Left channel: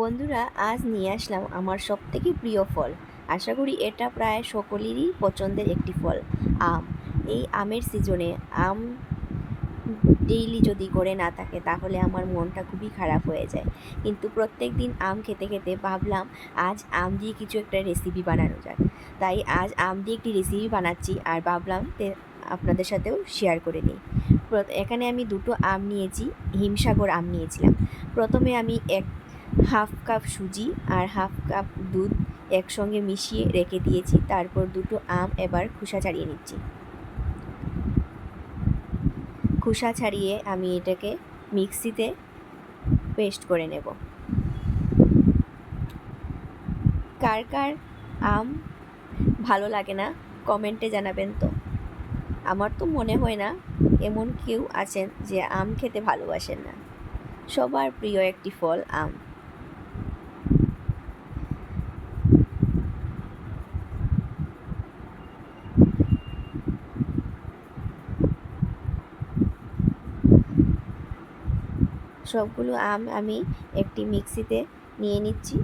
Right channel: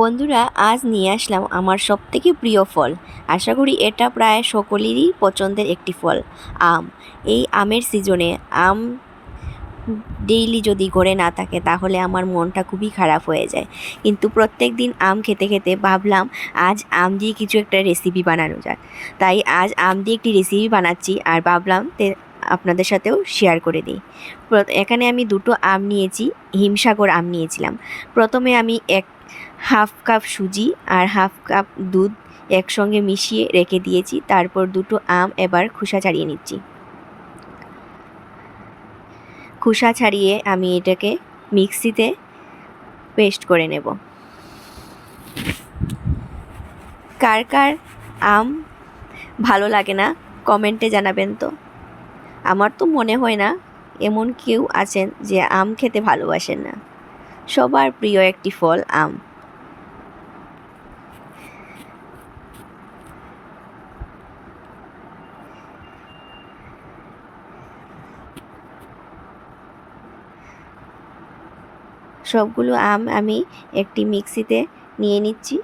বন্ধুরা, আজ নিয়ে আসলাম আমার সবথেকে প্রিয় ফল। আশা করি এটা প্রায় সকলেরই পছন্দের একটি ফল, আম। এই আমের সিজনে আম ডেইলি যদি ঘরে না থাকে তাহলে আমার মনটা খুবই খারাপ হয়ে যায়। কিন্তু প্রত্যেক দিন আম খেতে খেতে ভাবলাম আজ আম দিয়ে কিছু একটা রেসিপি বানানো যাক। তাই আজ আম দিয়ে একটি রেসিপি বানাচ্ছি আর ভাবলাম আপনাদের সাথেও শেয়ার করে দিই। এখানে আমি দুটো আম নিয়েছি, হিমসাগর আম নিয়েছিলাম। প্রথমে আমি হাফ কাপ সুজি আর হাফ কাপ দুধ একসঙ্গে মিশিয়ে রেখে দিয়েছি। তারপর দুটো আম এবার খোসা ছাড়িয়ে নিচ্ছি। খোসা ছাড়িয়ে আমি এটাকে মিক্সিতে পেস্ট করে নেব। কার কার আম ভালো লাগে না কমেন্টে জানাবেন তো। আমার তো মনে হয় না এমন কেউ আছেন যে আম খেতে ভালোবাসেন না। সবার প্রিয় একটি ফল আম। সবগুলো আম আমি একটি মিক্সিতে নিয়ে নিচ্ছি।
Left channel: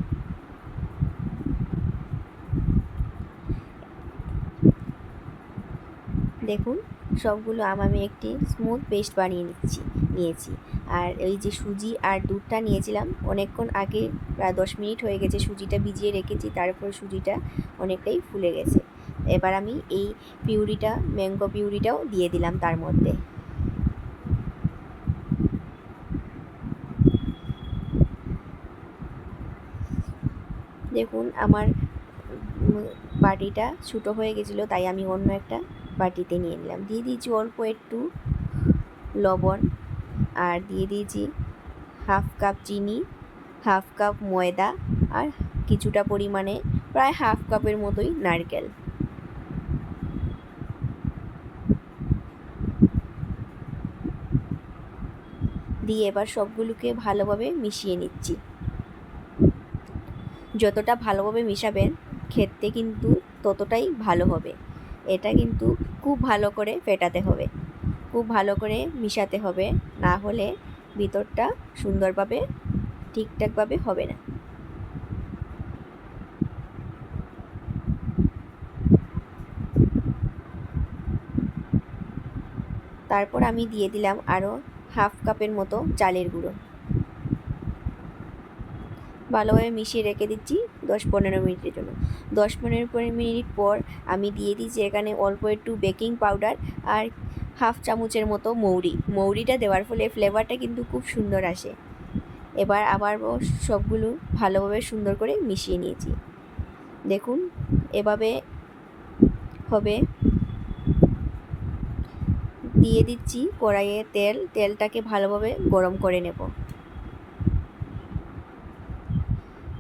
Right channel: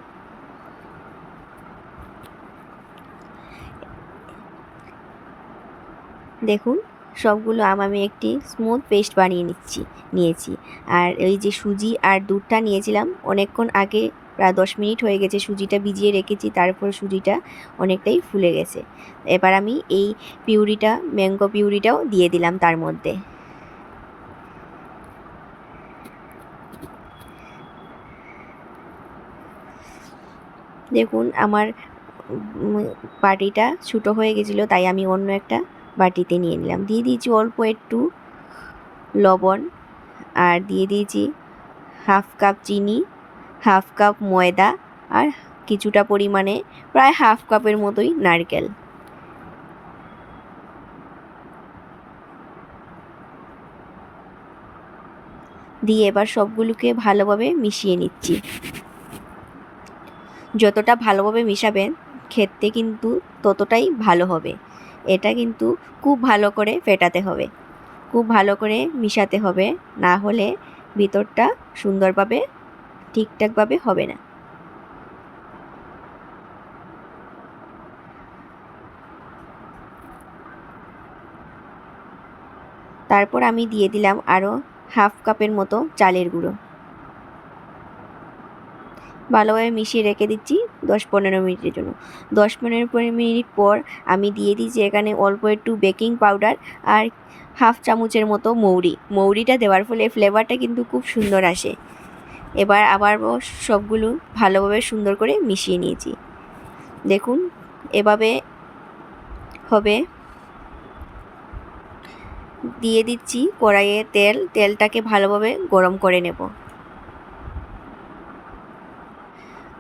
দেখুন, সবগুলো আম আমি একটি স্মুথ পেস্ট বানিয়ে নিয়েছি। আর এই যে সুজি আর দুধটা নিয়েছিলাম অনেকক্ষণ আগে, প্রায় 10 মিনিট হয়ে গেছে সুজিটা ভিজিয়ে রেখেছি, তারপর সুজিটা অনেকটাই ফুলে গেছে। এবার আমি এই ম্যাঙ্গো পিউরিটাও দিয়ে দিলাম তার মধ্যে। দেখুন, আমার বাটিটা ছোটো হয়ে গেছিলো, তাই আমি অন্য একটা বাটিতে নিয়ে নিলাম। দিয়ে দিয়েছি অল্প একটু লবণ, আর দিয়ে দিয়েছি হাফ কাপ চিনি, হাফ কাপ ময়দা, আর কিছুটা পরিমাণে প্রায় হাফ কাপের মতোই নারকেল। দিয়ে এবার সবগুলোকে ভালোভাবে মিশিয়ে নিচ্ছি। যতটা ভালোভাবে মিশাবেন খেতে কিন্তু ততটাই ভালো হবে। এটা কিন্তু খুব ভালো করে ফেটাতে হবে, খুব ভালো করে মিশাতে হবে, না হলে ভিতরটা সুন্দরভাবে ঠিকঠাকভাবে হবে না। তারপর আমি দিয়ে দিলাম আরও হাফ কাপের মতো চালের গুঁড়ো। ভালোভাবে মিশিয়ে রেখে দিচ্ছি 10-15 মিনিটের জন্য। 10-15 মিনিট পর আমি দিয়ে দিচ্ছি এখানে অল্প একটু বেকিং পাউডার আর হাফ চামচের মতো মৌরিটা দেওয়ার ফলে ফ্লেভারটা কিন্তু খুব সুন্দর আসে। এবার আবার সবগুলো ভালোভাবে সুন্দর করে মিশিয়ে নিয়েছি। দেখুন, এভাবে হবে। দিয়ে দিচ্ছি কড়াইয়ে তেলটাকে ভালোভাবে গরম করে নেব।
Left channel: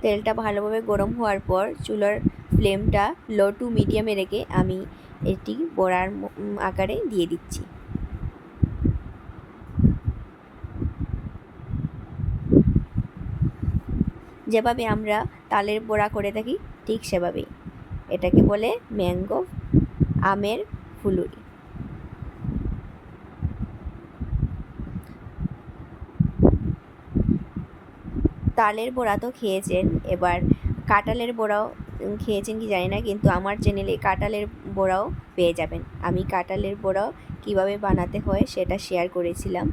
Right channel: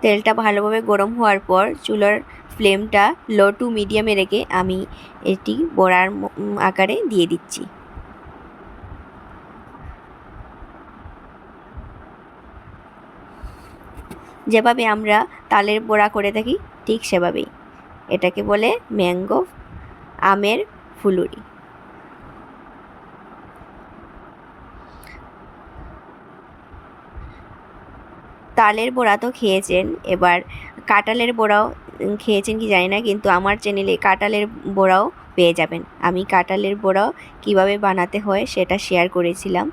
তেলটা ভালোভাবে গরম হওয়ার পর চুলার ফ্লেমটা লো টু মিডিয়ামে রেখে আমি এটি বড়ার আকারে দিয়ে দিচ্ছি। যেভাবে আমরা তালের বড়া করে থাকি ঠিক সেভাবেই। এটাকে বলে ম্যাঙ্গো আমের ফুলুরি। তালের বড়া তো খেয়েছেন, এবার কাঁঠালের বড়াও খেয়েছেন কি জানি না, কিন্তু আমার চ্যানেলে কাঁঠালের বড়াও পেয়ে যাবেন। আমি কাঁঠালের বড়াও কিভাবে বানাতে হয় সেটা শেয়ার করেছিলাম।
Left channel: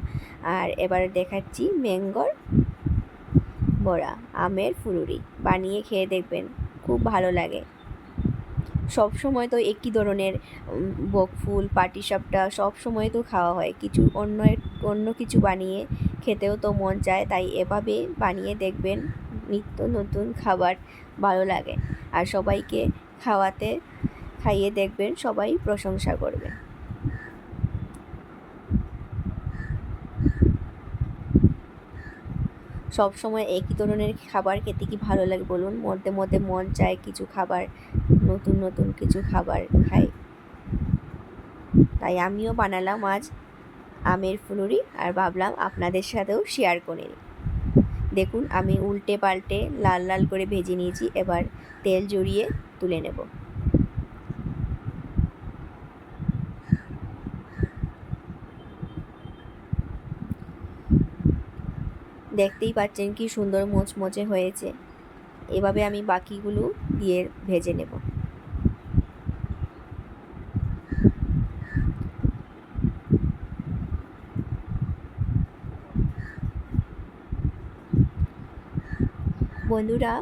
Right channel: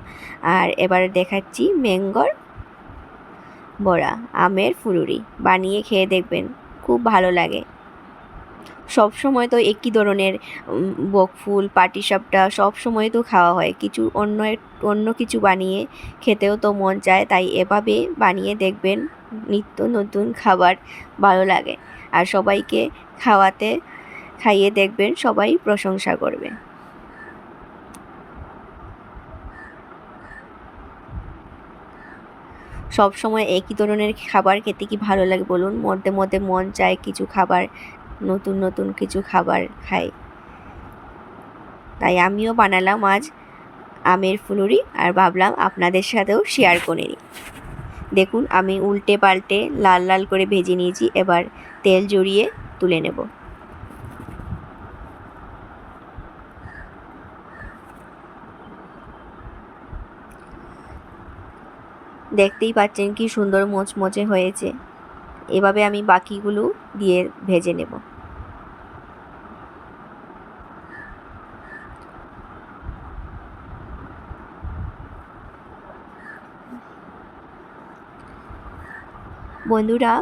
আর এবার দেখাচ্ছি ম্যাঙ্গোর বড়া, আমের ফুলুরি। বানিয়ে খেয়ে দেখবেন, খুব ভালো লাগে। সব সময় তো একই ধরনের বকফুল পাটিসাপটা সব সময় তো খাওয়া হয়, কিছু অন্য কিছু বানিয়ে খেতেও তো মন চায়। তাই এভাবে বানিয়ে দেখবেন, নিত্য নতুন খাবার ভালো লাগে। আর সবাইকে খাইয়ে দেখবেন, সবাই প্রশংসা করবে। সব সময় একই ধরনের খাবার খেতে কি ভালো লাগে বলুন? মধ্যে মধ্যে মন চায় কিছু খাবার, নতুন নতুন কিছু খাবার খাই। তাই আমিও বানালাম আজ আমের ফুলুরি, আর ভাবলাম আপনাদের সাথেও শেয়ার করে নিই। দেখুন, আমি উল্টে পাল্টে লাল লাল করে ভেজে নিয়েছি। এবার তেল জড়িয়ে তুলে নেব। দেখতেই পাচ্ছেন কি সুন্দর মোচমোচে হয়েছে। এভাবে আমি বাকিগুলো দিয়ে ভেজে নেব। বন্ধুরা,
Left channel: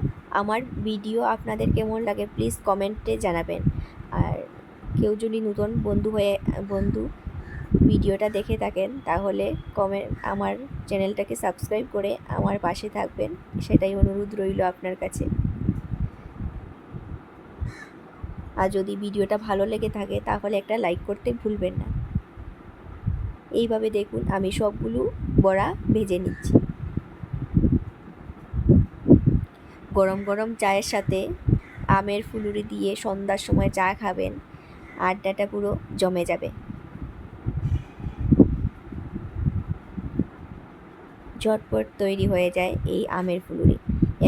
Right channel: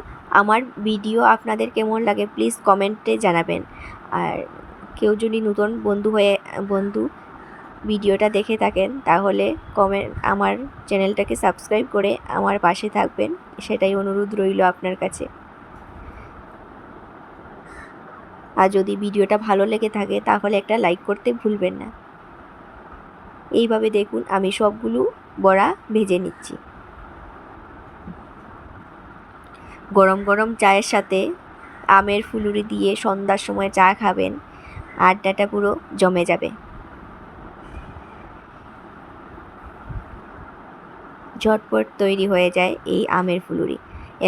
আমার ভিডিও আপনাদের কেমন লাগে প্লিজ কমেন্টে জানাবেন। আর কেউ যদি নতুন বন্ধু ভিডিওটা দেখে থাকেন তাহলে আমার চ্যানেলটাকে সাবস্ক্রাইব করে আমার পাশে থাকবেন, সেটাই অনুরোধ রইল আপনার কাছে। আর যদি ভিডিওটা ভালো লেগে থাকে তাহলে একটা লাইক করতে ভুলবেন না। এইভাবে দেখুন আমি সবগুলো বড়া ভেজে নিচ্ছি। গরম গরম চায়ের সাথে আমের ফুলুরি দিয়ে সন্ধ্যার সময় চা খাবেন, আড্ডাটা পুরো জমে যাবে। ঝটপট তৈরি হয়ে যায় এই আমের ফুলুরি।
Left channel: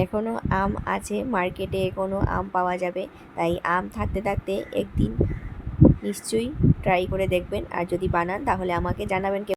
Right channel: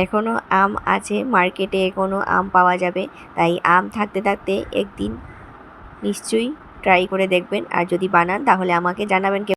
এখনও আম আছে মার্কেটে, এখনও আম পাওয়া যাবে, তাই আম থাকতে থাকতে একদিন নিশ্চয়ই ট্রাই করে দেখবেন। আর যদি বানান তাহলে আমাকে জানাবেন।